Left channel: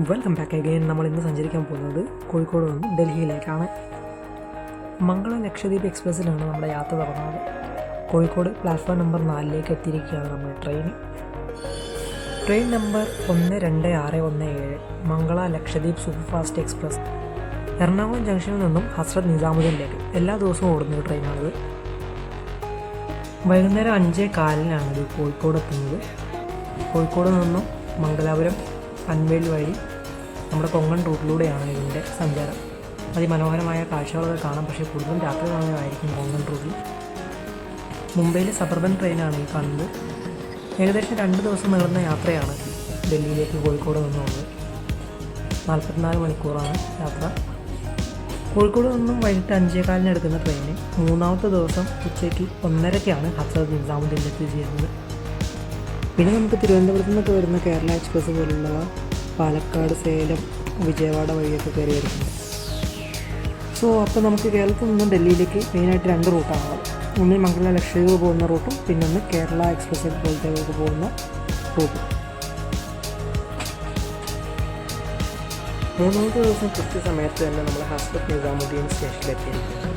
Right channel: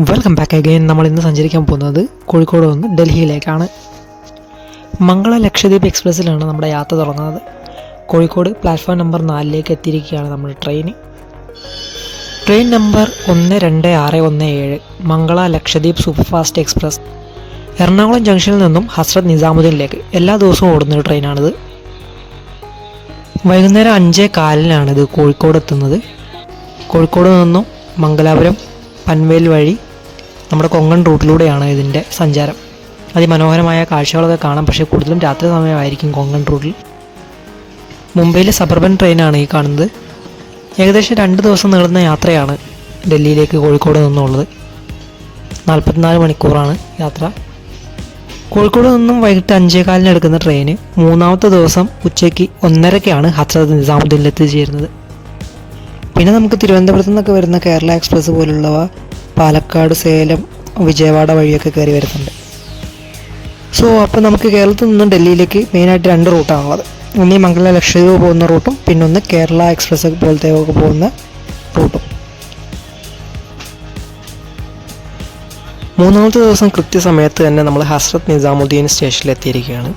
Welcome back again. നമ്മൾ ഇന്ന് സഞ്ചരിക്കാൻ പോകുന്നത് കോഴിക്കോട് നിന്ന് ഡൽഹിയിലേക്കാണ്. മംഗള ലക്ഷദ്വീപ് എക്സ്പ്രസ്സിലാണ് നമ്മുടെ യാത്ര തുടങ്ങുന്നത്. കോഴിക്കോട് പ്ലാറ്റ്ഫോം നമ്പർ 4 എത്തിയിരിക്കുകയാണ് നമ്മുടെ train number 12617 Mangala Lakshadweep superfast express. Ernakulam ജംഗ്ഷനിൽ നിന്നും ഹസ്രത്ത് നിസാമുദ്ദീനിലേക്ക് എല്ലാ ദിവസവും ഓടുന്നൊരു ട്രെയിനാണിത്. വൈകുന്നേരം 5:15 കോഴിക്കോട് എത്തുന്നത്. കോഴിക്കോട് നിന്നും മംഗലാപുരം പൻവേൽ വഴി നമ്മുടെ കൊങ്കൺ റൂട്ടിലൂടെയാണ് ഇതിൻ്റെ സഞ്ചാരം. അതിമനോഹരമായ കാഴ്ചകളൊക്കെ കാണാം, പക്ഷേ കൂടുതലും രാത്രി സമയമായിരിക്കും കൊങ്കൺ റൂട്ടിൽ. മുംബൈയിലെ സബർബൻ ട്രെയിനാണ് ഈ കാണുന്നത്. ഏകദേശം 2 ദിവസം നീളുന്ന യാത്രയാണ് ഡൽഹിയിലേക്ക് കോഴിക്കോട് നിന്നുള്ളത്. 44 മണിക്കൂറാണ് യാത്ര. കോഴിക്കോട് നിന്നും വൈകിട്ട് 5:15 എടുക്കുന്ന ട്രെയിന് 3-ാമത്തെ ദിവസം ഉച്ചയ്ക്ക് 1:30-ക്കാണ് ഹസ്രത്ത് നിസാമുദ്ദീനിൽ എത്തിച്ചേരുന്നത്. പിന്നെ നമുക്ക് തിരുവനന്തപുരത്തു നിന്നൊക്കെ വരുന്ന കേരള എക്സ്പ്രസ് പോലുള്ളവ പാലക്കാട്, സേലം, വിജയവാഡ വഴിയൊക്കെ കയറി വരുന്നുണ്ട്. അപ്പോൾ നമുക്ക് കേരളത്തിൽ നിന്നും ഡൽഹിയിലേക്ക് മെയിനായിട്ട് 2 റൂട്ടാണുള്ളത്. ഒന്ന് ഈ മംഗള ലക്ഷദ്വീപ് പോകുന്ന റൂട്ടും പിന്നെ ഒന്ന് കേരള എക്സ്പ്രസ് പോലത്തെ ഒക്കെ പോകുന്ന റൂട്ടും. 3-ാമത്തെ ദിവസം കൃത്യസമയത്ത് തന്നെ നമ്മൾ ഹസ്രത്ത് നിസാമുദ്ദീൻ സ്റ്റേഷനിൽ എത്തിയിരിക്കുകയാണ്.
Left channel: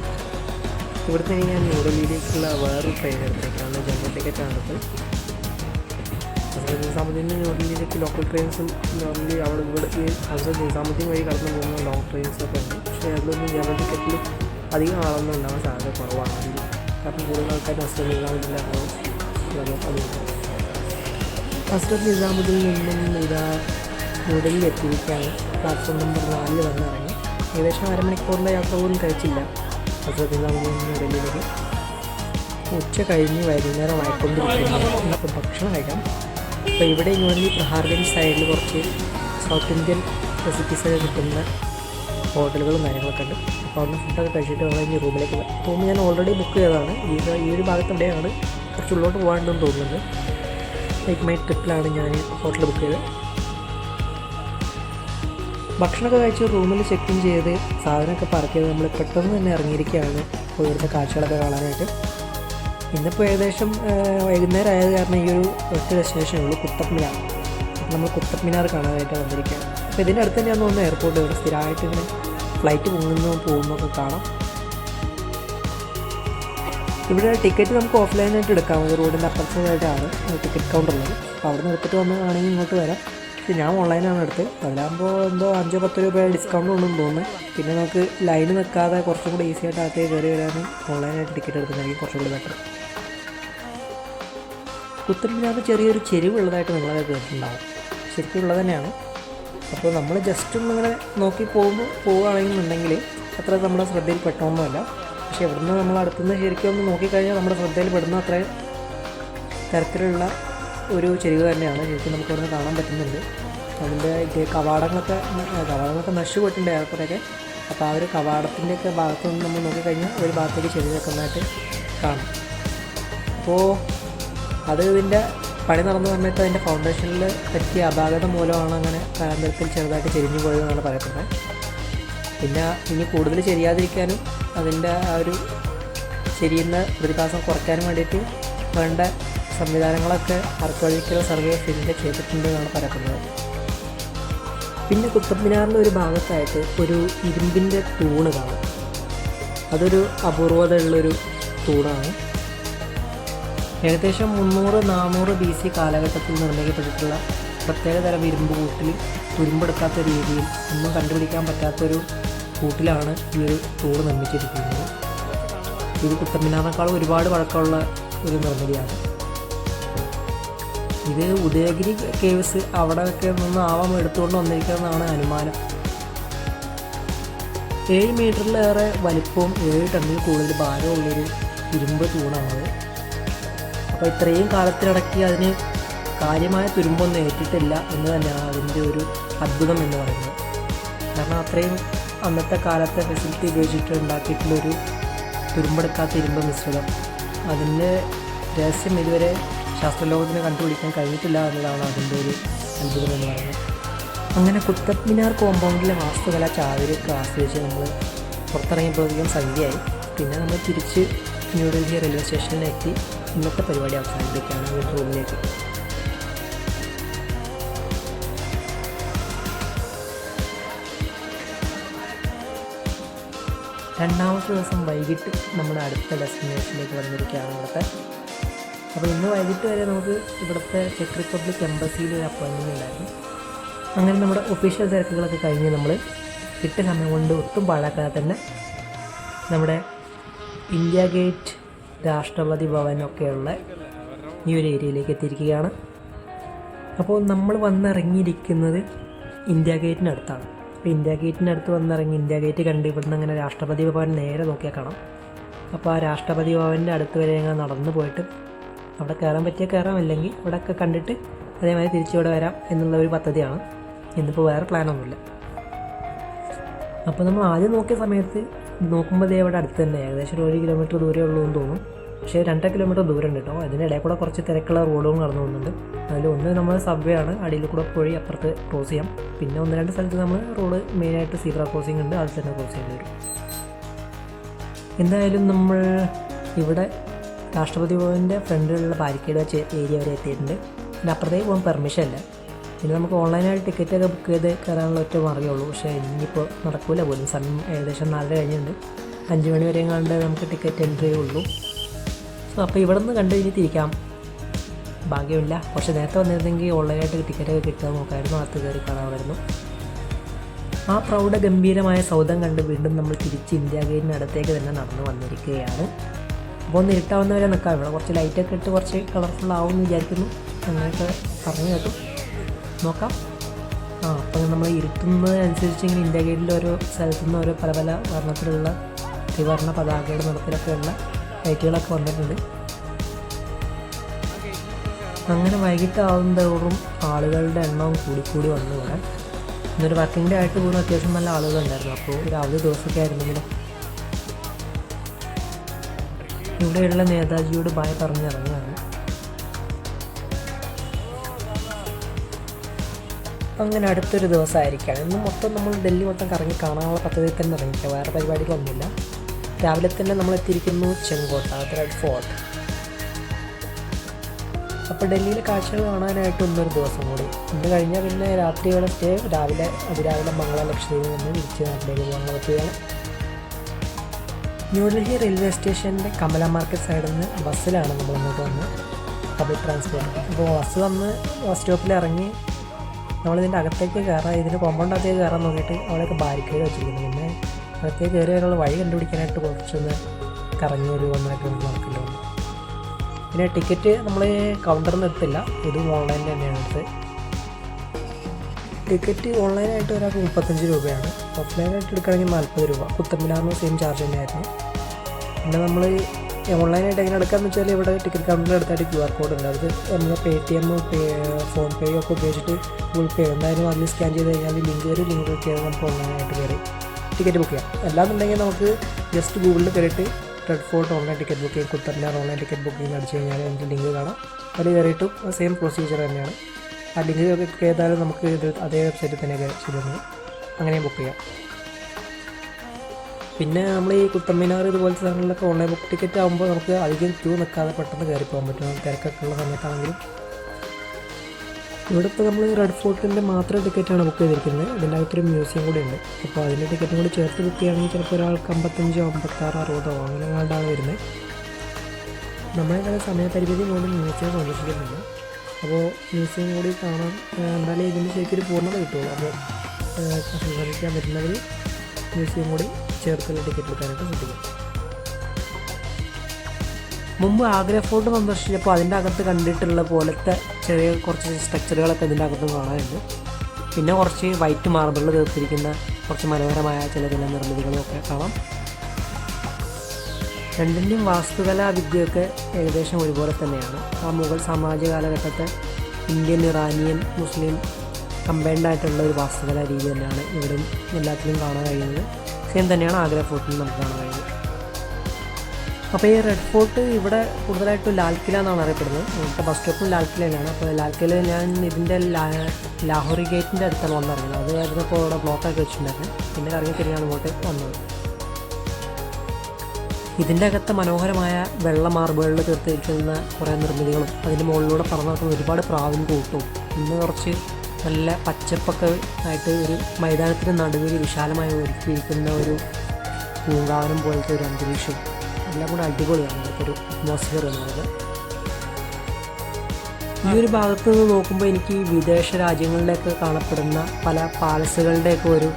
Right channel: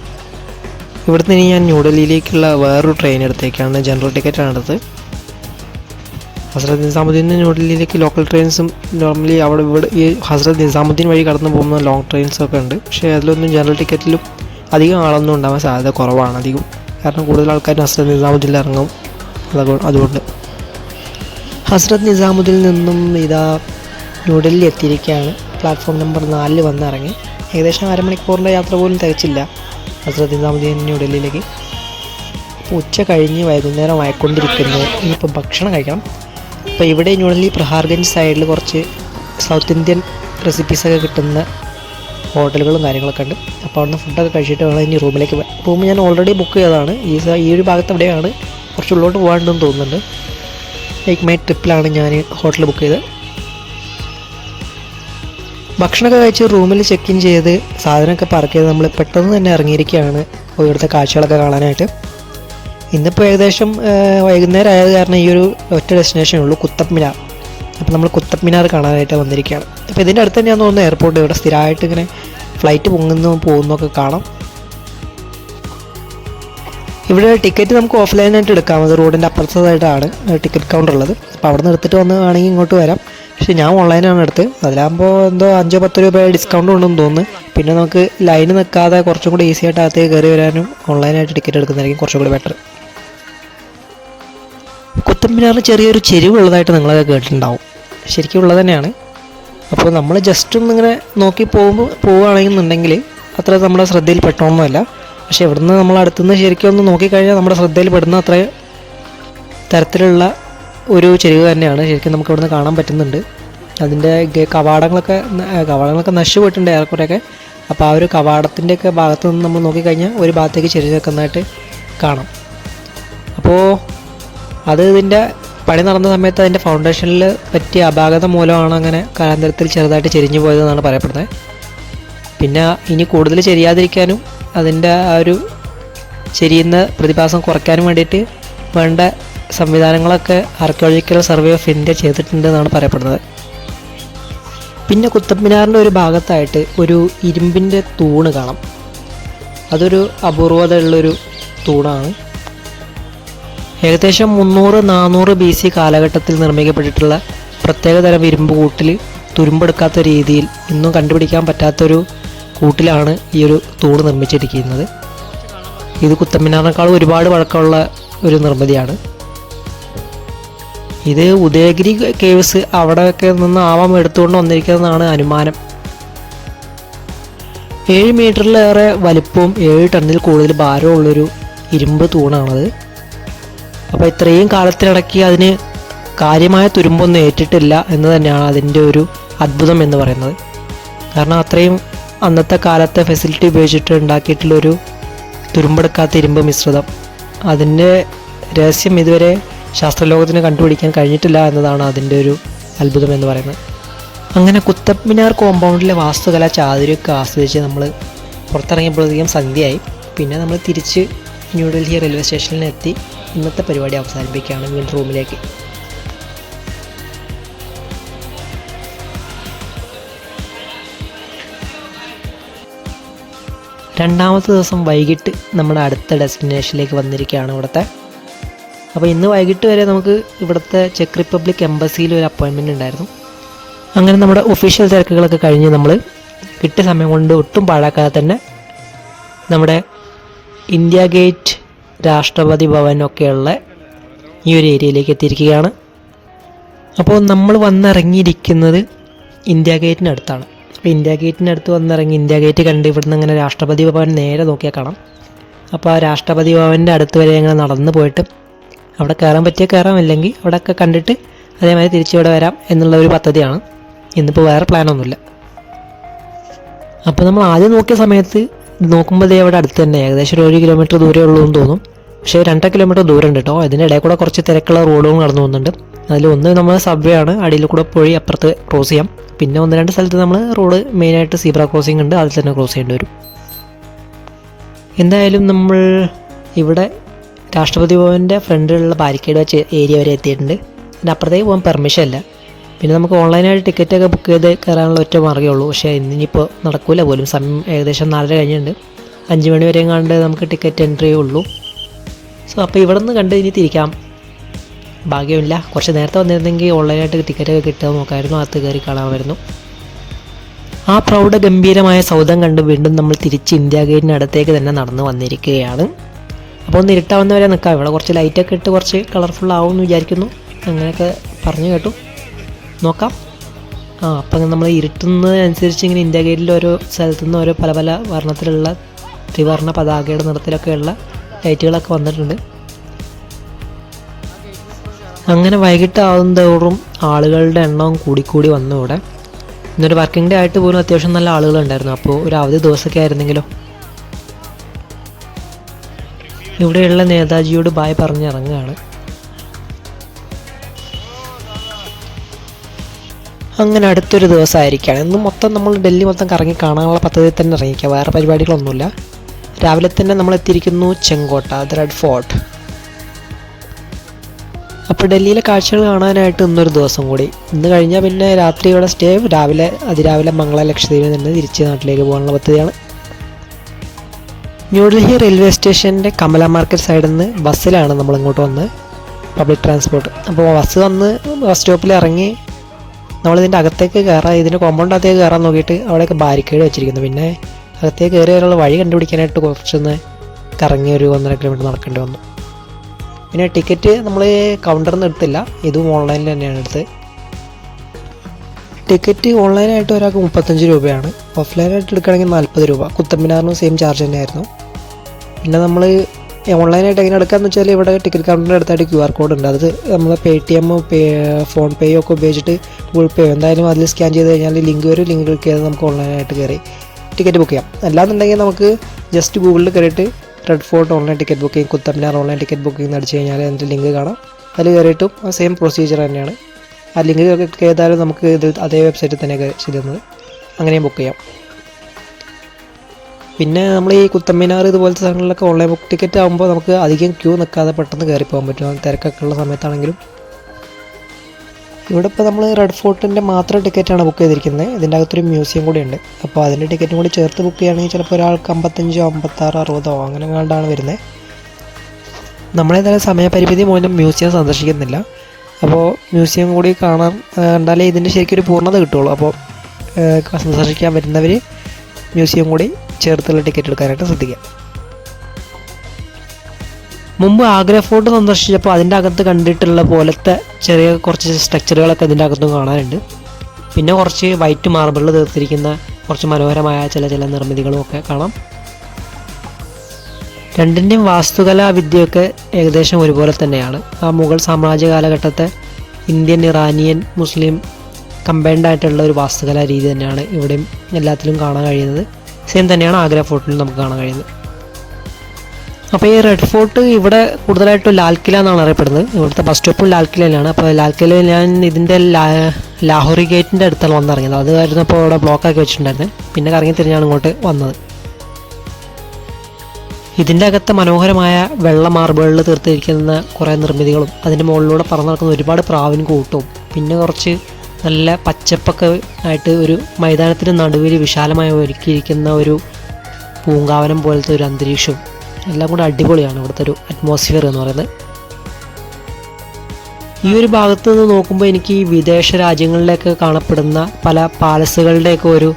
ഇവിടുന്ന് ഇനി ഞാൻ ന്യൂഡൽഹിയിലേക്കുള്ള വേറൊരു ട്രെയിൻ എടുത്തേക്കാണ്. ജനറൽ ടിക്കറ്റാണ് എടുത്തത്. ഹസ്രത്ത് നിസാമുദ്ദീൻ ന്യൂഡൽഹിയിലേക്ക് ലോക്കൽ ട്രെയിൻസും നോർമലി ഇവിടെ ഈ ഹസ്രത്ത് നിസാമുദ്ദീൻ വഴി കടന്നു പോകുന്ന ലോങ് ട്രെയിൻസൊക്കെ ഉണ്ട്. പക്ഷേ അതിലൊന്നും ജനറൽ ടിക്കറ്റിലും അധികം ആളൊന്നും ഉണ്ടാവാൻ സാധ്യത കുറവാണ് അധികം. കാരണം കൂടുതൽ ആൾക്കാർ ഹസ്രത്ത് നിസാമുദ്ദീനിൽ ഇറങ്ങും. അതുകൊണ്ട് ഹസ്രത്ത് നിസാമുദ്ദീനിൽ നിന്നും ഇതാ ന്യൂഡൽഹി എത്തിയിരിക്കുകയാണ്. പ്ലാറ്റ്ഫോം നമ്പർ 4 വന്നിറങ്ങി. ഏകദേശം അരമണിക്കൂറിൻ്റെ യാത്ര പോലും തികച്ചില്ല ഹസ്രത്ത് നിസാമുദ്ദീൻ ന്യൂഡൽഹിയിലേക്ക്. ഉച്ച കഴിഞ്ഞ് വൈകുന്നേരം ആയിക്കൊണ്ടിരിക്കുന്നു. ഇനിയിപ്പോൾ ഭക്ഷണം കഴിക്കാം. അപ്പോൾ ഇവിടെ ന്യൂഡൽഹി പ്രഹാർഗഞ്ച് സൈഡിൽ കുറച്ച് സൗത്ത് ഇന്ത്യൻ റെസിപ്പീസൊക്കെ കിട്ടുന്ന ഹോട്ടലുകളും കാര്യങ്ങളൊക്കെ ഉണ്ട്. അപ്പോൾ അവിടുന്ന് ഫുഡൊക്കെ കഴിച്ചിട്ട് വേണം ഇനി റൂമിലേക്ക് പോകാൻ. റൂം ഞാൻ ഓൾറെഡി ബുക്ക് ചെയ്തതാണ്. ഈ ഒരു ഭാഗത്ത് എവിടെയാണ്, കുറച്ച് ഉള്ളോട്ട് പോകാണ്ടെന്ന് തോന്നുന്നുണ്ട്. ലൈക്ക് മൈ ട്രിപ്പിലാണ് ഞാൻ ഹോട്ടൽ ബുക്ക് ചെയ്തത്. ഭക്ഷണമൊക്കെ കഴിച്ച് റൂമിൽ ചെക്ക് ഇൻ ചെയ്ത് സാധനമൊക്കെ പാർക്ക് ചെയ്ത് നമ്മൾ പെട്ടെന്ന് തന്നെ ഇറങ്ങിയിരിക്കുകയാണ് ഇവിടുത്തെ കാഴ്ചകളൊക്കെ കാണാനായിട്ട്. ഇന്നിപ്പോൾ ഏകദേശം വൈകുന്നേരം ആയത് കാരണം ഈ ഒരു ഒറ്റ ഡെസ്റ്റിനേഷനേ ഉള്ളൂ, കുത്തബ് മിനാർ. അപ്പോൾ നമ്മൾ കുത്തബ് മിനാർ കാണാനായിട്ട് വന്നിരിക്കുകയാണ്. അപ്പോൾ ഇതിൻ്റെ അടുത്ത് തന്നെയാണ് തോന്നുന്നു എയർപോർട്ട്. ഇവിടെ സ്ഥിരമായിട്ട് ഇങ്ങനെ ഫ്ലൈറ്റ് പോകുന്നൊക്കെ കാണാം. ഇവിടെ ടിക്കറ്റ് നമുക്ക് ഓഫ്ലൈനായിട്ട് എടുക്കാം. അത് റോഡിൻ്റെ അപ്പുറത്തായിട്ടാണ് ടിക്കറ്റ് കൗണ്ടർ ഉള്ളത്. അപ്പോൾ അവിടെ നിന്ന് എടുത്തിട്ട് വന്ന് വേണമെങ്കിൽ ഇങ്ങോട്ട് വരാം. പക്ഷേ ഞാൻ ഓൺലൈനാണ് എടുത്തത്. അതിലാകുമ്പോൾ എന്തോ 5-10 രൂപ ഡിസ്കൗണ്ട് ഉണ്ടെന്ന് തോന്നുന്നു. പിന്നെ നമുക്ക് ലൈന് നിൽക്കാതെ കുറച്ചും കൂടി ഈസി ആയിട്ട് അകത്തേക്ക് കയറി വരാനും ഓൺലൈനായിട്ട് ടിക്കറ്റ് എടുക്കുന്നതായിരിക്കും കുറച്ചും കൂടി ബെറ്റർ. കുത്തബ് മിനാറിൽ ചെറിയൊരു ചെരിവുള്ളതായിട്ട് നിങ്ങളൊക്കെ കേട്ടിട്ടുണ്ടാവും. ശരിക്കും ഉള്ളത് തന്നെയാണ്. അപ്പോൾ നമ്മൾ ജസ്റ്റ് ഒന്നിങ്ങനെ നോക്കി പോവുകയാണെന്നുണ്ടെങ്കിൽ അത്ര നമ്മുടെ ശ്രദ്ധയിൽ പെട്ടൊന്നുമല്ല. പക്ഷേ ഇവിടുന്ന് നമ്മൾ അടുത്തുനിന്ന് ശരിക്കും ഒന്ന് നോക്കിക്കഴിഞ്ഞാൽ നമ്മുടെ ശ്രദ്ധയിൽ പെടുന്ന അത്ര തരത്തിലുള്ള ഒരു ചെരിവ് തന്നെയാണ് ശരിക്കും നമുക്ക് ഇവിടുന്ന് കാണാൻ പറ്റുന്നുണ്ട്. അതിൻ്റെ കവാടങ്ങളൊക്കെ നശിച്ചുപോയിട്ടുണ്ട് ഏറെക്കുറെയൊക്കെ. അപ്പോൾ ആ ഒരു കവാടത്തിൻ്റെയൊക്കെ ഭാഗത്ത് നിന്ന് നമ്മൾ നോക്കിക്കഴിഞ്ഞാൽ ഒരു ഭാഗത്തേക്ക് ചെരിവ് വെക്കുന്നതായിട്ട് കാണാം. അപ്പോൾ അത് ഇതിൻ്റെ പണി നടന്ന സമയത്ത് അതിൻ്റെ ഫൗണ്ടേഷനിൽ പറ്റിയ അപാകത മൂലമാണ് അങ്ങനെ കാലാന്തരത്തിൽ ചെറുതായിട്ട് ചെരിഞ്ഞു പോയതെന്നാണ് പറയപ്പെടുന്നത്. പിന്നെ ഇനി കൂടുതൽ ചെരിയാതിരിക്കാനും അതിൻ്റെ ആ ഒരു ചെരിയുന്ന പ്രതിഭാസം കുറയ്ക്കാനും വേണ്ടിയിട്ട് വേണ്ട സംവിധാനങ്ങളൊക്കെ ആർക്കിയോളജിക്കൽ സർവേ ഓഫ് ഇന്ത്യ ചെയ്തിട്ടുണ്ട് എന്നാണ് പറയപ്പെടുന്നത്. പിന്നെ കുത്തബ് മിനാറിൻ്റെ ഒരു ഭാഗത്തായിട്ട് ഒരു ഇരുമ്പിൻ്റെ തൂണ് കാണാം. അതൊരു അപൂർവതയുള്ളൊരു തൂണാണ്. ഏകദേശം 300-400 BC കാലഘട്ടത്തിൽ നിർമ്മിക്കപ്പെട്ടിട്ടുള്ള പ്രത്യേകതരം ഇരുമ്പ് കൂട്ടിൽ തുരുമ്പെടുക്കാത്ത രീതിയിൽ ഇന്നും കണ്ടുപിടിക്കാൻ പറ്റാത്തൊരു കൂട്ടിലാണ് ഈ ഒരു തൂണ് നിർമ്മിച്ചിരിക്കുന്നത്. ഇത് കുത്തബ് മിനാറിനേക്കാളും ഒരുപാട് പഴക്കമുള്ള ഒരു നിർമ്മിതിയാണ്. ഇത് ഉദയഗിരി കേവ്സ് അവിടെയൊക്കെ നിന്ന് ആവാം എടുത്തുകൊണ്ട് വന്നിരിക്കുന്നതാണ് അനുമാനം. 7 മീറ്ററിലേറെ വലിപ്പവും 7 ടണ്ണിൽ കൂടുതൽ ഭാരമുള്ളൊരു ഇരുമ്പ് തൂണാണത്. അപ്പോൾ ഇത്രയും കാലത്തിനിടയ്ക്ക് അതിന് കാര്യമായ തുരുമ്പൊന്നും ഏറ്റിട്ടില്ല എന്ന് തന്നെയാണ് അതിൻ്റെ ഒരു അത്ഭുതം എന്ന് പറയുന്നത്. കാരണം അത്രയും അന്നത്തെ കാലത്തെ ഫെസിലിറ്റി ഉപയോഗിച്ചിട്ട് ഉണ്ടാക്കിയിട്ടുള്ളൊരു തുരുമ്പെടുക്കാത്ത ഇരുമ്പ് മിശ്രിതം, അതിൻ്റെ രഹസ്യം ഇതുവരെ ശാസ്ത്രലോകത്തിന് കണ്ടുപിടിക്കാൻ കഴിഞ്ഞിട്ടില്ല എന്നതാണ് അതിൻ്റെ ഒരു അത്ഭുതം എന്ന് പറയുന്നത്. അങ്ങനെ കുത്തബ് മിനാർ കോമ്പൗണ്ടിലെ വാസ്തുകല ചാതുര്യമൊക്കെ ആസ്വദിച്ച് നമ്മൾ പുറത്തിറങ്ങിയപ്പോഴത്തേക്കും സന്ധ്യയായി. പിന്നെ നമ്മൾ തിരിച്ച് ന്യൂഡൽഹി റെയിൽവേ സ്റ്റേഷനിലെത്തി ഇന്നത്തെ പരിപാടി അവസാനിപ്പിക്കുകയാണ് വീണ്ടും റൂമിലേക്ക്. രണ്ടാമത്തെ ദിവസം വൈകിട്ട് നമ്മുടെ അടുത്ത ഡെസ്റ്റിനേഷനിലേക്ക് വന്നിരിക്കുകയാണ് ഇവിടുത്തെ. അപ്പോൾ ഇന്ന് വൈകിട്ട് വരെ നമുക്ക് ഇവിടുത്തെ ചെക്ക് റിപ്പബ്ലിക് എംബസിയിൽ ഒരു അപ്പോയിൻമെൻറ്റ് ഉണ്ടായിരുന്നു. അങ്ങനെ നമ്മുടെ ഒഫീഷ്യൽ തിരക്കുകളൊക്കെ കഴിഞ്ഞ് നമ്മൾ കിട്ടിയ സമയം കൊണ്ട് ഒട്ടും പാഴാക്കാതെ തന്നെ നമ്മുടെ ഇന്ത്യ ഗേറ്റ്, രാഷ്ട്രപതി ഭവനൊക്കെയുള്ള ഈ ഒരു ഏരിയയിലേക്ക് എത്തിയിരിക്കുകയാണ്. അപ്പോൾ നമ്മൾ വന്നിറങ്ങിയിരിക്കുന്നത് ഇന്ത്യ ഗേറ്റിനടുത്താണ്. അപ്പോൾ ഇന്ത്യ ഗേറ്റിനടുത്ത് വന്നിറങ്ങി ഇന്ത്യ ഗേറ്റ് കണ്ട് ഇവിടുന്ന് ഇങ്ങനെ രാഷ്ട്രപതി ഭവൻ നേരെ നോക്കിയാൽ കാണാം. അപ്പോൾ ആ രാഷ്ട്രപതി ഭവൻ്റെ അടുത്ത് വരെ ഇങ്ങനെ നടന്ന് പോയിട്ട് അവിടെ കയറാൻ പറ്റിയാൽ കയറാം, അല്ലെങ്കിൽ അവിടെയൊക്കെ കണ്ടിട്ട് അതേമാതിരി തിരിച്ചിവിടെ വരാം എന്നുള്ള ഒരു പദ്ധതിയാണ്. ഇന്നിപ്പോൾ വേറെ പ്ലാനൊന്നുമില്ല. അപ്പോൾ നമ്മൾ ആദ്യം നോക്കിയ സമയത്ത് നോക്കുമ്പോൾ അവിടെ അടുത്ത് തന്നെ ഏകദേശം 1 കിലോമീറ്റർ ദൂരമേ ഉള്ളൂ എന്ന് തോന്നും. പക്ഷേ 2 കിലോമീറ്റർ ദൂരം ഉണ്ട് കേട്ടോ. അതിൻ്റെ ഇടയിൽ കൂടെ കുറച്ച് തിരക്കുള്ള റോഡുകൾ നടന്നു പോകുന്നുണ്ട്. അതിലൊന്ന് നമ്മൾ സബ്വേ ആണ്, അടിയിൽ കൂടെ പോയി അപ്പുറത്ത് ക്രോസ് ചെയ്യാം. പിന്നെ 1-2 സ്ഥലത്ത് നമ്മൾ റോഡ് മെയിനായിട്ട് സീബ്ര ക്രോസിംഗ് ഉണ്ട്, അതിൽ തന്നെ ക്രോസ് ചെയ്യേണ്ടി വരും. എന്തായാലും നമ്മൾ ഇവിടെ രാഷ്ട്രപതി ഭവൻ്റെ ഫ്രണ്ടിലുള്ള ബാരിക്കേഡ് വെച്ച് ഏരിയ വരെ എത്തിയിട്ടുണ്ട്. പിന്നെ അപ്പുറത്തേക്ക് പോകാൻ പെർമിഷൻ ഇല്ല. പിന്നെ നമുക്ക് ഓൺലൈനായിട്ട് ടിക്കറ്റൊക്കെ ബുക്ക് ചെയ്ത് കയറാനുള്ള ഒറ്റ മാർഗ്ഗമേ ഉള്ളൂ. പക്ഷേ ഇന്നിപ്പോൾ നടക്കില്ല പോലും. സമയം ഏകദേശം 4:30 കഴിഞ്ഞിട്ടുണ്ട്. 5 മണി വരെയും കണ്ട് നമുക്ക് ടിക്കറ്റ് എൻട്രി ഉള്ളൂ. സോ അപ്പോൾ ഇവിടെ നിന്ന് കണ്ട് ഇനി തിരിക്കാം. ഭാഗ്യമില്ല, കുറച്ച് നേരത്തെ വന്നിരുന്നെങ്കിൽ ഓൺലൈനായിട്ട് ടിക്കറ്റൊക്കെ കിട്ടുക നോക്കാമായിരുന്നു, അകത്ത് കയറി കാണാമായിരുന്നു. ആ പ്രൗഢഗംഭീരമായ സൗധം കണ്ട് വീണ്ടും നമ്മൾ തിരിച്ച് ഇന്ത്യ ഗേറ്റിനടുത്തേക്ക് തന്നെ നടന്ന് വന്നിരിക്കുകയാണ്. അപ്പോൾ ഒന്ന് ഇരുട്ടാവുന്നവരെ നിൽക്കാം. ഇവിടെ കുറച്ച് ലൈറ്റൊക്കെ ഇട്ട് കുറച്ച് കളർഫുൾ ആവുമെന്ന് വിചാരിക്കുന്നു. അങ്ങനെയൊക്കെ പറഞ്ഞു കേട്ടു, നോക്കാം. അപ്പം നമ്മൾ ഇരുട്ടുന്നതനുസരിച്ച് ഇങ്ങനെ ഇന്ത്യ ഗേറ്റിൽ ഓരോ സ്ഥലത്തുനിന്ന് ഓരോ പല പല വർണ്ണത്തിലുള്ള ത്രിവർണ്ണ പതാകയുടെ നിറത്തിലൊക്കെയുള്ള ലൈറ്റുകളൊക്കെ വന്നിട്ടുണ്ട്. അങ്ങനെ വൈകിട്ടാവും തോറും ആളുകളുടെ എണ്ണവും കൂടിക്കൂടി വന്നു. ഇവിടെ ഇന്നൊരു വർക്കിംഗ് ഡേ ആയിട്ട് പോലും അത്യാവശ്യം നല്ല ആളുകളുണ്ടായിരുന്നു. അപ്പോൾ ഒരു അവധി ദിവസമൊക്കെ ആയിരുന്നെങ്കിലോ. ഇവിടെയുള്ള നേതാജിയോട് ബായ് പറഞ്ഞിറങ്ങുകയാണ്. അങ്ങനെ അടുത്തൊരു ദിവസമായിരിക്കുകയാണ്. ഇന്ന് മൊത്തം നമ്മൾ ഡൽഹി മൊത്തം കറങ്ങി കാണാനുള്ള പദ്ധതി തന്നെ ഇറങ്ങിക്കുക, വേറെ പരിപാടികളൊന്നുമില്ല. രാവിലെ തന്നെ നമ്മൾ എത്തിയിരിക്കുന്നു ചെങ്കോട്ട, ദ റെഡ് ഫോർട്ട്. അപ്പോൾ ഡൽഹിയിലെ കാഴ്ചകൾ കാണാനായിട്ട് ഇന്നൊരു ദിവസം കൂടി. ഇന്ന് കഴിഞ്ഞാൽ പിന്നെ രാത്രി ഇവിടെ സ്റ്റേ, അതിരാവിലെ മംഗള ലക്ഷദ്വീപിൽ നിന്ന് തിരിച്ച് നാട്ടിലേക്ക് പോകാനുള്ള പദ്ധതിയാണ്. ന്യൂഡൽഹി റെയിൽവേ സ്റ്റേഷൻ്റെ കമല മാർക്കറ്റ് സൈഡിൽ നിന്ന് ബസ്സിലാണ് നമ്മൾ ഇങ്ങോട്ട് വന്ന്, പബ്ലിക് ട്രാൻസ്പോർട്ട്. അപ്പോൾ ബസ് വന്ന് ബസ് സ്റ്റോപ്പിൽ ഇറങ്ങി നമ്മളിതിൻ്റെ അകത്തേക്ക് കയറാൻ, ഇതിൻ്റെ കോമ്പൗണ്ടിനകത്തേക്ക് കയറാൻ നോക്കിയിട്ട് അവിടെയൊക്കെ ബാരിക്കേഡ് വെച്ചിരിക്കുന്നു. പിന്നെ അകത്തേക്ക് കയറി വരാനുള്ള വഴി കണ്ടുപിടിക്കാനായിട്ട് കുറച്ചൊന്ന് കറങ്ങി ഒരു 1.5 കിലോമീറ്റർ നടക്കേണ്ടി വന്നു. പിന്നെ ടിക്കറ്റ് നമ്മൾ കൗണ്ടറിൽ നിന്ന് എടുത്തില്ല, ഇതും ഓൺലൈനിൽ തന്നെയാണ് എടുത്തത്. ടിക്കറ്റ് ഓൺലൈനായിട്ട് ഒരാൾക്ക് 35 രൂപയാണ്, ഓഫ്ലൈനായിട്ട് എടുക്കുകയാണെങ്കിൽ 40 രൂപ. കുത്തബ്മിനാറിനും സെയിം ചാർജ് തന്നെയായിരുന്നു. പിന്നെ നമ്മൾ ഓൺലൈനായിട്ട് എങ്ങനെ എടുക്കാമെന്ന് വെച്ചാൽ ഇവിടെ ടിക്കറ്റ് കൗണ്ടറിൻ്റെ അടുത്തായിട്ട് QR കോഡ് ഉണ്ട്. അത് നമ്മൾ PayTM, ഫോൺ പേയോ ഒക്കെ ഉപയോഗിച്ചിട്ട് ഗൂഗിൾ പേ എന്തായാലും അതിൽ സ്കാൻ ചെയ്ത് കഴിഞ്ഞാൽ ലിങ്ക് വരും. ലിങ്ക് ക്ലിക്ക് ചെയ്ത് നമുക്ക് ഓൺലൈനായിട്ട് കയറി ടിക്കറ്റ് ബുക്ക് ചെയ്യാം. അല്ലാന്നുണ്ടെങ്കിൽ നമുക്ക് ജസ്റ്റ് ഗൂഗിളിൽ കയറിയിട്ട് red fort online ticket booking, Qutub Minar online ticket booking എന്ന് അടിച്ച് കഴിഞ്ഞാൽ അതിൻ്റെ ലിങ്ക് കാണാം. അതിൽ കയറിയിട്ടും സെയിം പ്രൊസീജിയർ തന്നെയാണ്. ആ ലിങ്ക് ക്ലിക്ക് ചെയ്താലും നമുക്ക് ഇത് അതേ വെബ്സൈറ്റിൽ തന്നെ ചെയ്യുന്നത്, അങ്ങനെയും ബുക്ക് ചെയ്യാം. പിന്നെ നമ്മൾ ഈ കുത്തബ്മിനാർ ഇതുപോലത്തെ സ്ഥലങ്ങളിലൊക്കെ ഓൺലൈൻ ബുക്ക് ടിക്കറ്റ് ആകുമ്പോൾ നമുക്ക് അധികം ക്യൂ നിൽക്കാതെ പെട്ടെന്ന് കയറി പോകാൻ പറ്റും, തിരക്കൊക്കെ ഉള്ള സമയത്താണെങ്കിലും. ഇവിടെ ഇപ്പോൾ നമ്മൾ റെഡ് ഫോർട്ടിൻ്റെ മാത്രം ടിക്കറ്റാണ് ബുക്ക് ചെയ്തിരിക്കുന്നത്. ഇതിൻ്റെ അകത്തൊരു മ്യൂസിയം കൂടി ഉണ്ട്. അപ്പോൾ അതിൻ്റെ ടിക്കറ്റും കൂടി ചേർത്ത് ബുക്ക് ചെയ്യുകയാണെങ്കിൽ ചിലപ്പോൾ ഒരാൾക്ക് 55, 56, 60 അങ്ങനെ കണ്ടാണ് വരുന്നത്. നമ്മളേതായാലും സമയപരിമിതി മൂലം മ്യൂസിയം സന്ദർശിക്കുന്നില്ല. അപ്പോൾ മ്യൂസിയം കൂടി കണ്ടാലേ ഇതിൻ്റെ ശരിക്കും ഒരു പൂർണ്ണത കിട്ടുള്ളൂ. അപ്പോൾ സന്ദർശിക്കാൻ വരുന്നവർ മ്യൂസിയം കൂടി ചേർത്തുള്ള ടിക്കറ്റ് എടുക്കാനായിട്ട് ശ്രദ്ധിക്കാം. മുമ്പ് ആഗ്ര ഫോർട്ട് സന്ദർശിച്ചപ്പോൾ അതിൻ്റെ അകത്ത് കണ്ടിട്ടുള്ള പോലത്തെ ചെറിയ കുറച്ച് സ്ട്രക്ചറുകളൊക്കെ അതിൻ്റെ അകത്തും കാണാനുണ്ട്. പിന്നെ കുറച്ച് വൈറ്റ് മാർബിളിൽ തീർത്തിരിക്കുന്ന കുറച്ച് മനോഹരമായ ചില നിർമ്മിതികളും ഒക്കെ കാണാം. രണ്ടിൻ്റെയും വാസ്തുകലാ വിദ്യയൊക്കെ ഏകദേശം ഒരുപോലെ തന്നെയാണ്. ആ മുഗൾ സാമ്രാജ്യ കാലഘട്ടത്തെ ഇന്ത്യൻ, ഇറാനിയൻ, മുസ്ലിം കമ്പൈൻഡ് ആയിട്ടുള്ള ഒരു വാസ്തുകലാ രീതി തന്നെയാണ് ഇവിടെയും എല്ലാത്തിലും കാണാൻ കഴിയുന്നത്. സെയിം തന്നെയാണ് ആഗ്ര ഫോർട്ടിലും നമുക്ക് കാണാൻ കഴിയുന്നത്. അപ്പോൾ ഈ റെഡ് ഫോർട്ട് ഇവിടെ കൂടുതലായിട്ടും ലാൽ കില എന്നാണ് അറിയപ്പെടുന്നത്. ഇവിടുത്തെ ബസ് സ്റ്റോപ്പും ലാൽ കിലയിലാണ്. അപ്പോൾ ലാൽ കിലയിൽ ഞാൻ ഇതിൻ്റെ ലാഹോറി ഗേറ്റിൻ്റെ അടുത്താണ് വന്നിറങ്ങിയത്. അത് ആയിരുന്നപ്പോൾ ഇവിടെ ബ്ലോക്കാക്കി വെച്ചിട്ടുണ്ടായിരുന്നു. പിന്നെ കറങ്ങി തിരിഞ്ഞാണ് ഇങ്ങോട്ട് വന്നത്. ഇതിൻ്റെ അകത്ത് മനോഹരമായ വെള്ള മാർബിളിൽ തീർത്തിരിക്കുന്ന കുറേ നിർമ്മിതികളും അതിൻ്റെ മുകളിലൂടെ പറന്ന് നടക്കുന്ന ഒരുപാട് പ്രാവിൻ കൂട്ടവും പിന്നെ കുറച്ച് നല്ല പച്ചപ്പൊക്കെ ആയിട്ട് ഒരു മൈതാനത്തിന് നടുവിൽ വിശാലമായി ഒരുക്കിയിരിക്കുന്ന ഒരു പൂങ്കാവനം പോലത്തെ ഒരു അന്തരീക്ഷവും എല്ലാം കൂടെ അടിപൊളിയാണ് ഇവിടുത്തെ ഒരു അറ്റ്മോസ്ഫിയർ എന്ന് പറയുന്നത്. ഈ ഒരു ഭാഗത്ത് നിന്ന് നോക്കുമ്പോൾ എനിക്ക് വിദേശ രാജ്യങ്ങളിലേക്ക് കാണപ്പെടുന്ന പല പാലസുകളുടെയൊക്കെ ഒരു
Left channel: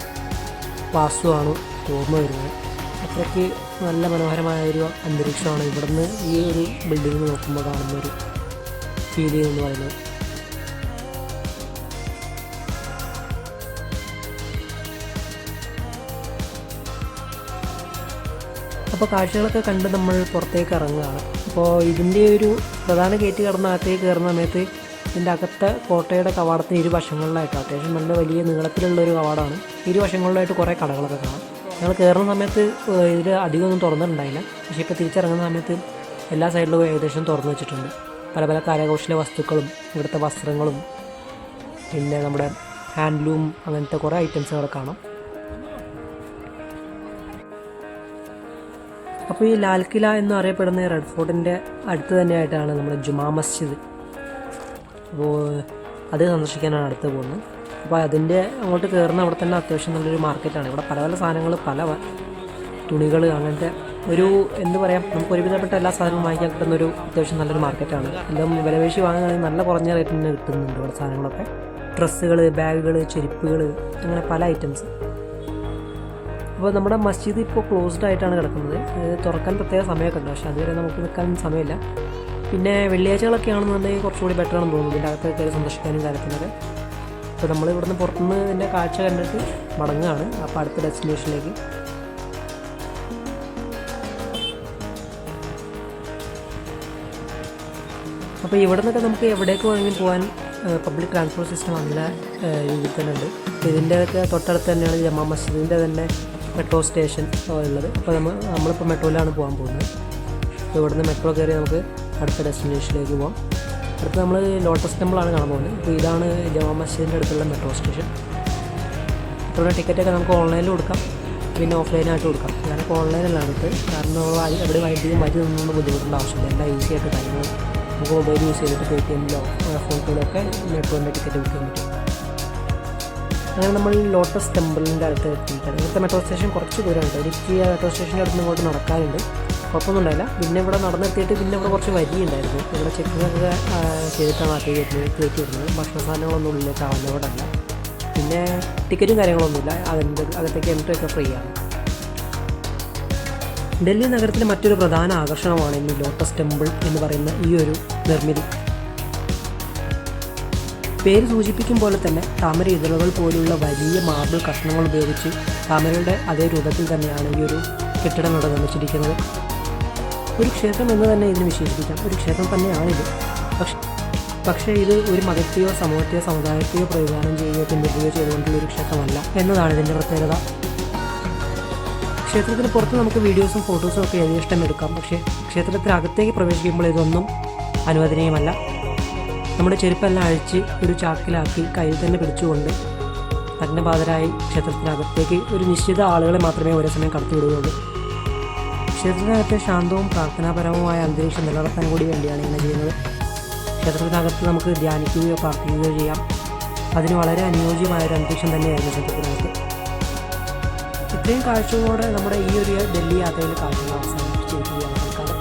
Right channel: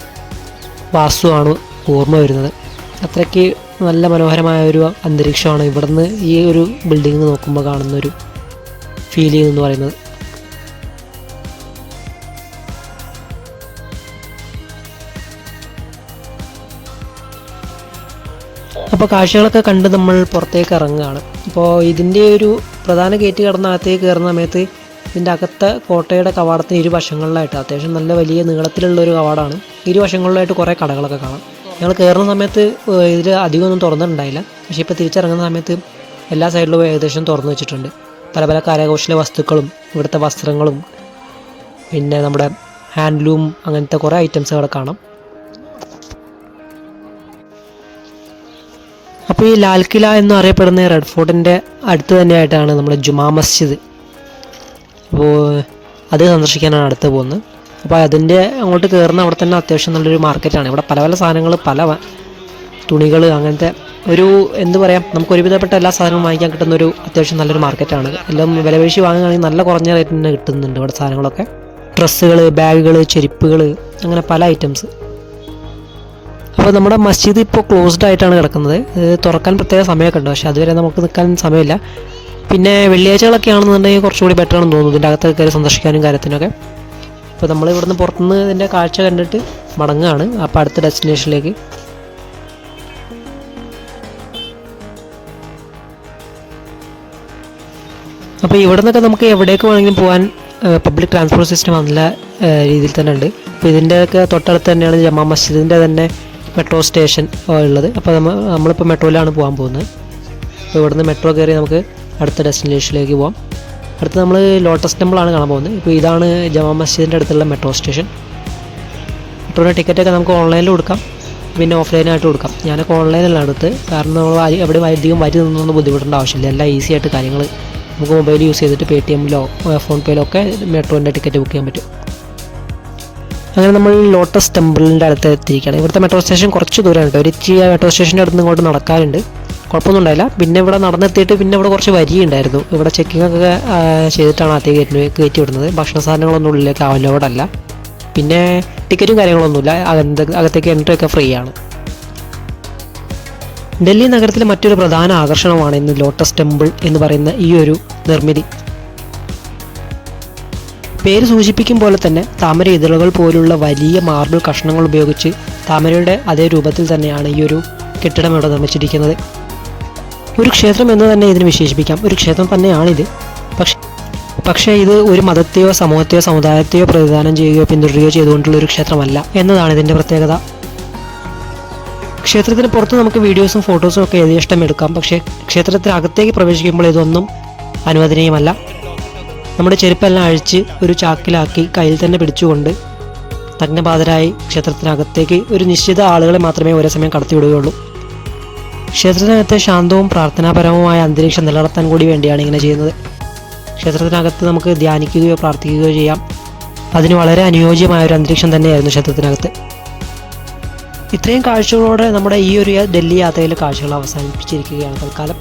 വാസ്തുവാണ് ഓർമ്മ വരുന്നത്. അത്രയ്ക്ക് നല്ല മനോഹരമായ ഒരു അന്തരീക്ഷമാണ് ഇവിടുന്ന് ഈ ഒരു ബിൽഡിംഗ് നോക്കുമ്പോൾ കാണുന്ന ഒരു ഫീലിംഗ് എന്ന് പറയുന്നത്. അപ്പോൾ കാഴ്ചകളൊക്കെ കണ്ട് നമ്മൾ പുറത്തേക്ക് ഇറങ്ങുകയാണ്. അപ്പോൾ ഇതിൻ്റെ ഒരു പ്രധാന ഗേറ്റ് കടന്ന് അകത്തേക്ക് കയറുന്ന സമയത്ത് ഇതിൻ്റെ അകത്തെ കോട്ടയുടെ കവാടത്തിന് ഇരുവശങ്ങളിലായിട്ട് അത്യാവശ്യം നല്ല വലിയ നീളത്തിലുള്ളൊരു കവാടമാണ്. ഇരുവശങ്ങളിലായിട്ട് കുറേ കടകളൊക്കെ കാണാം. ഞങ്ങൾ കയറുന്ന സമയത്ത് ഇതിൽ അധികമൊന്നും തുറന്നിട്ടുണ്ടായില്ല. പക്ഷേ ഇപ്പോൾ തിരിച്ചിറങ്ങുന്ന സമയത്ത് എല്ലാ സൈഡിലും ഏകദേശം തുറന്നു വെച്ചിട്ടുണ്ട്. പല പല കരകൗശല വസ്തുക്കളും ഇവിടുത്തെ വസ്ത്രങ്ങളും പിന്നെ നമ്മുടെ ഹാൻഡ്ലൂം അങ്ങനത്തെ കുറേ ഐറ്റംസ് അവിടെ കാണാം. അപ്പോൾ ഈ ലാൽ കില എന്നറിയപ്പെടുന്ന റെഡ് ഫോർട്ടിൻ്റെ അടുത്ത് തന്നെയായിട്ടാണ് നമ്മുടെ ജുമാ മസ്ജിദ്. അപ്പോൾ അത് സന്ദർശിക്കാനാണ് അടുത്ത് പോകുന്നത്. അപ്പോൾ അതിൻ്റെ അങ്ങോട്ട് കയറുന്ന അവിടെ തന്നെ അത്യാവശ്യം നല്ലൊരു മാർക്കറ്റാണ്. ഇവിടെ പല പല സാധനങ്ങൾ, പല തുണികൾ, അങ്ങനത്തെ ഒരു എന്ത് പറയാം, നമുക്ക് ഒരുവിധപ്പെട്ട എല്ലാ സാധനവും വാങ്ങിക്കാൻ കിട്ടുന്നൊരു അത്യാവശ്യം നല്ലൊരു മാർക്കറ്റാണ്. എല്ലാം വിലപേശി വാങ്ങുകയാണെങ്കിൽ നല്ല കുറഞ്ഞ റേറ്റിന് തന്നെ കിട്ടുന്നുണ്ട് ഇവിടെ സാധനങ്ങളൊക്കെ. ഡ്രസ്സുകൾ, ബാഗുകൾ, ചെരുപ്പുകൾ, അങ്ങനെ പല ഐറ്റംസ്. അപ്പോൾ നമ്മുടെ മസ്ജിദ് ഇപ്പോൾ ക്ലോസ്ഡ് ആയിട്ടാണ് കിടക്കുന്നത്. തുറക്കാൻ പ്രത്യേക സമയമൊക്കെ ഉണ്ട്, പക്ഷേ അതുവരെ നമുക്ക് നിൽക്കാൻ സമയമില്ല. പിന്നെ വെള്ളിയാഴ്ചകളൊക്കെ ആണെന്നുണ്ടെങ്കിൽ കുറച്ചുകൂടി ബെറ്റർ ആണെന്ന് തോന്നുന്നു ഇതിൻ്റെ അകത്ത് കയറി സന്ദർശിക്കാനും കാര്യത്തിനൊക്കെ. അപ്പോൾ നമ്മൾ ഇവിടുന്ന് പുറത്തുനിന്ന് ഇതിൻ്റെ കാഴ്ച കണ്ടിട്ട് മടങ്ങുകയാണ് അപ്പോൾ അടുത്ത ഡെസ്റ്റിനേഷനിലേക്ക്. അപ്പോൾ ഇവിടെ നിന്നൊക്കെ നമുക്ക് എവിടേക്ക് വേണമെങ്കിലും പോകാൻ പബ്ലിക് ട്രാൻസ്പോർട്ട് സിസ്റ്റം നല്ല രീതിയിൽ തന്നെ ഉണ്ട്. അപ്പോൾ ഇതിൻ്റെയൊക്കെ തൊട്ടടുത്ത് തന്നെയാണ് ജമാ മസ്ജിദിൻ്റെ തന്നെ മെട്രോ സ്റ്റേഷൻ ഉള്ളത്. അപ്പോൾ നമ്മളിപ്പോൾ മെട്രോയിലാണ് പോകാൻ പോകുന്നത്. അപ്പോൾ ഇവിടുന്ന് മെട്രോ കയറി നമുക്ക് അടുത്ത ഡെസ്റ്റിനേഷനിലേക്ക് പോകാം. അടുത്ത് നമ്മൾ ലോട്ടസ് ടെമ്പിളാണ് കാണാൻ പോകുന്നത്. ഇപ്പോൾ ഇതാണ് ജമാ മസ്ജിദിൻ്റെ അടുത്തുള്ള മെട്രോ സ്റ്റേഷൻ. മെട്രോയുടെ ടിക്കറ്റൊക്കെ നമുക്ക് ഓൺലൈനിൽ കൊടുക്കാം, പിന്നെ ഓഫ്ലൈനായിട്ട് കൊടുക്കാം. ഞാനൊക്കെ ഓൺലൈനിലാണ് എടുത്ത്, കാരണം നമ്മൾ എവിടെ അധികം വരി നിന്നൊന്നും ബുദ്ധിമുട്ടേണ്ട ആവശ്യമില്ല. എല്ലാം ഈസി ആയിട്ട് കാര്യങ്ങൾ നമുക്ക് മൊബൈൽ യൂസ് ചെയ്തിട്ട് പേടിഎമ്മിലോ ഫോൺ പേയിലോ ഒക്കെ മെട്രോൻ്റെ ടിക്കറ്റ് ബുക്ക് ചെയ്യാൻ പറ്റും. അങ്ങനെ നമ്മൾ ലോട്ടസ് ടെമ്പിളിൻ്റെ അടുത്ത് എത്തിയിരിക്കുകയാണ്. ഇവിടുത്തെ മെട്രോ സ്റ്റേഷൻ കുറച്ച് ദൂരമാണ് കേട്ടോ. ഒരു മെട്രോ സ്റ്റേഷൻ്റെ അടുത്ത് ഇങ്ങോട്ട് നടക്കാറുണ്ട്, കുഴപ്പമൊന്നും ഉണ്ടായില്ല. പിന്നെ ഇവിടെ നടന്നെത്തിയിട്ട് പിന്നെ ഇവിടെ കുറച്ച് വരിയുണ്ടായിരുന്നു. ഇവിടെ ചെക്കിംഗ് ഒക്കെ ചെയ്തിട്ടാണ് അകത്തേക്ക് കയറ്റി വിടുന്നത്. ഭക്ഷണ സാധനങ്ങളൊന്നും ഉള്ളിലേക്ക് അവൈലബിളല്ല. പിന്നെ ടിക്കറ്റും കാര്യങ്ങളൊന്നുമില്ല. അകത്തേക്ക് എൻട്രി ഒക്കെ ഫ്രീ ആണ്. ഡൽഹി നഗരത്തിലെ മറ്റൊരു പ്രധാന ആകർഷണമാണ് ഇന്ന് ലോട്ടസ് ടെമ്പിൾ എന്ന് പറയുന്ന ഈ ഒരു നിർമ്മിതി. പേര് സൂചിപ്പിക്കും പോലെ തന്നെ താമര ഇതളുകൾ പോലുള്ള വലിയ മാർബിൾ കഷ്ണങ്ങൾ ഉപയോഗിച്ച് താമരയുടെ അതേ രൂപത്തിൽ തന്നെയാണ് ഈ ഒരു കെട്ടിടം ഇവിടെ നിർമ്മിച്ചിരിക്കുന്നത്. ഒരു ക്ഷേത്രം എന്ന് തന്നെ ഇതിന് വിശേഷിപ്പിക്കാം. ഒരു ക്ഷേത്രം തന്നെയാണിത്. പക്ഷേ ഇത് ഒരു മതത്തെയോ സമൂഹത്തെയോ സമുദായത്തെയോ പ്രതിദാനം ചെയ്യുകയോ പിന്തുടരുകയോ ചെയ്തുകൊണ്ടുള്ള ഒരു ക്ഷേത്രമല്ല എന്നതാണ് ഇതിൻ്റെ പ്രത്യേകത. ക്ഷേത്രത്തിന് പുറത്ത് നമുക്ക് വീഡിയോസും ഫോട്ടോസും ഒക്കെ യഥേഷ്ടം എടുക്കാം. പക്ഷേ ക്ഷേത്രത്തിനകത്തേക്ക് പ്രവേശിക്കുമ്പോൾ ഇതൊന്നും അനുവദനീയമല്ല. നമ്മുടെ ചെരുപ്പെല്ലാം അഴിച്ച് ഒരു ചാക്കിലാക്കി കയ്യിൽ തന്നെ പിടിച്ചുകൊണ്ട് നഗ്നപാതരായി ക്ഷേത്രത്തിനകത്തേക്ക് ഒരു നിശ്ചിത ആളുകളെ മാത്രമേ ഒരേ സമയം കടത്തിവിടുകയുള്ളൂ. ക്ഷേത്രത്തിനകത്തെ ശാന്തവും പ്രാർത്ഥനാപരവുമായ അന്തരീക്ഷം നിലനിർത്താൻ കൂടി വേണ്ടിയാണ് ഇങ്ങനെ ചെയ്യുന്നത്. ക്ഷേത്രത്തിനകത്ത് നമുക്ക് ധ്യാനിക്കുകയോ പ്രാർത്ഥിക്കുകയോ ചെയ്യാം. അതിന് വളരെ അനുയോജ്യമായ ഒരു അന്തരീക്ഷം തന്നെയായിരുന്നു ക്ഷേത്രത്തിനകത്ത്. ഇത്രയും കാഴ്ചകളോടെ നമ്മുടെ ഈ ഒരു ഡൽഹി യാത്രയിലെ കാഴ്ചകൾ അവസാനിപ്പിച്ചിരിക്കുകയാണ് തൽക്കാലം.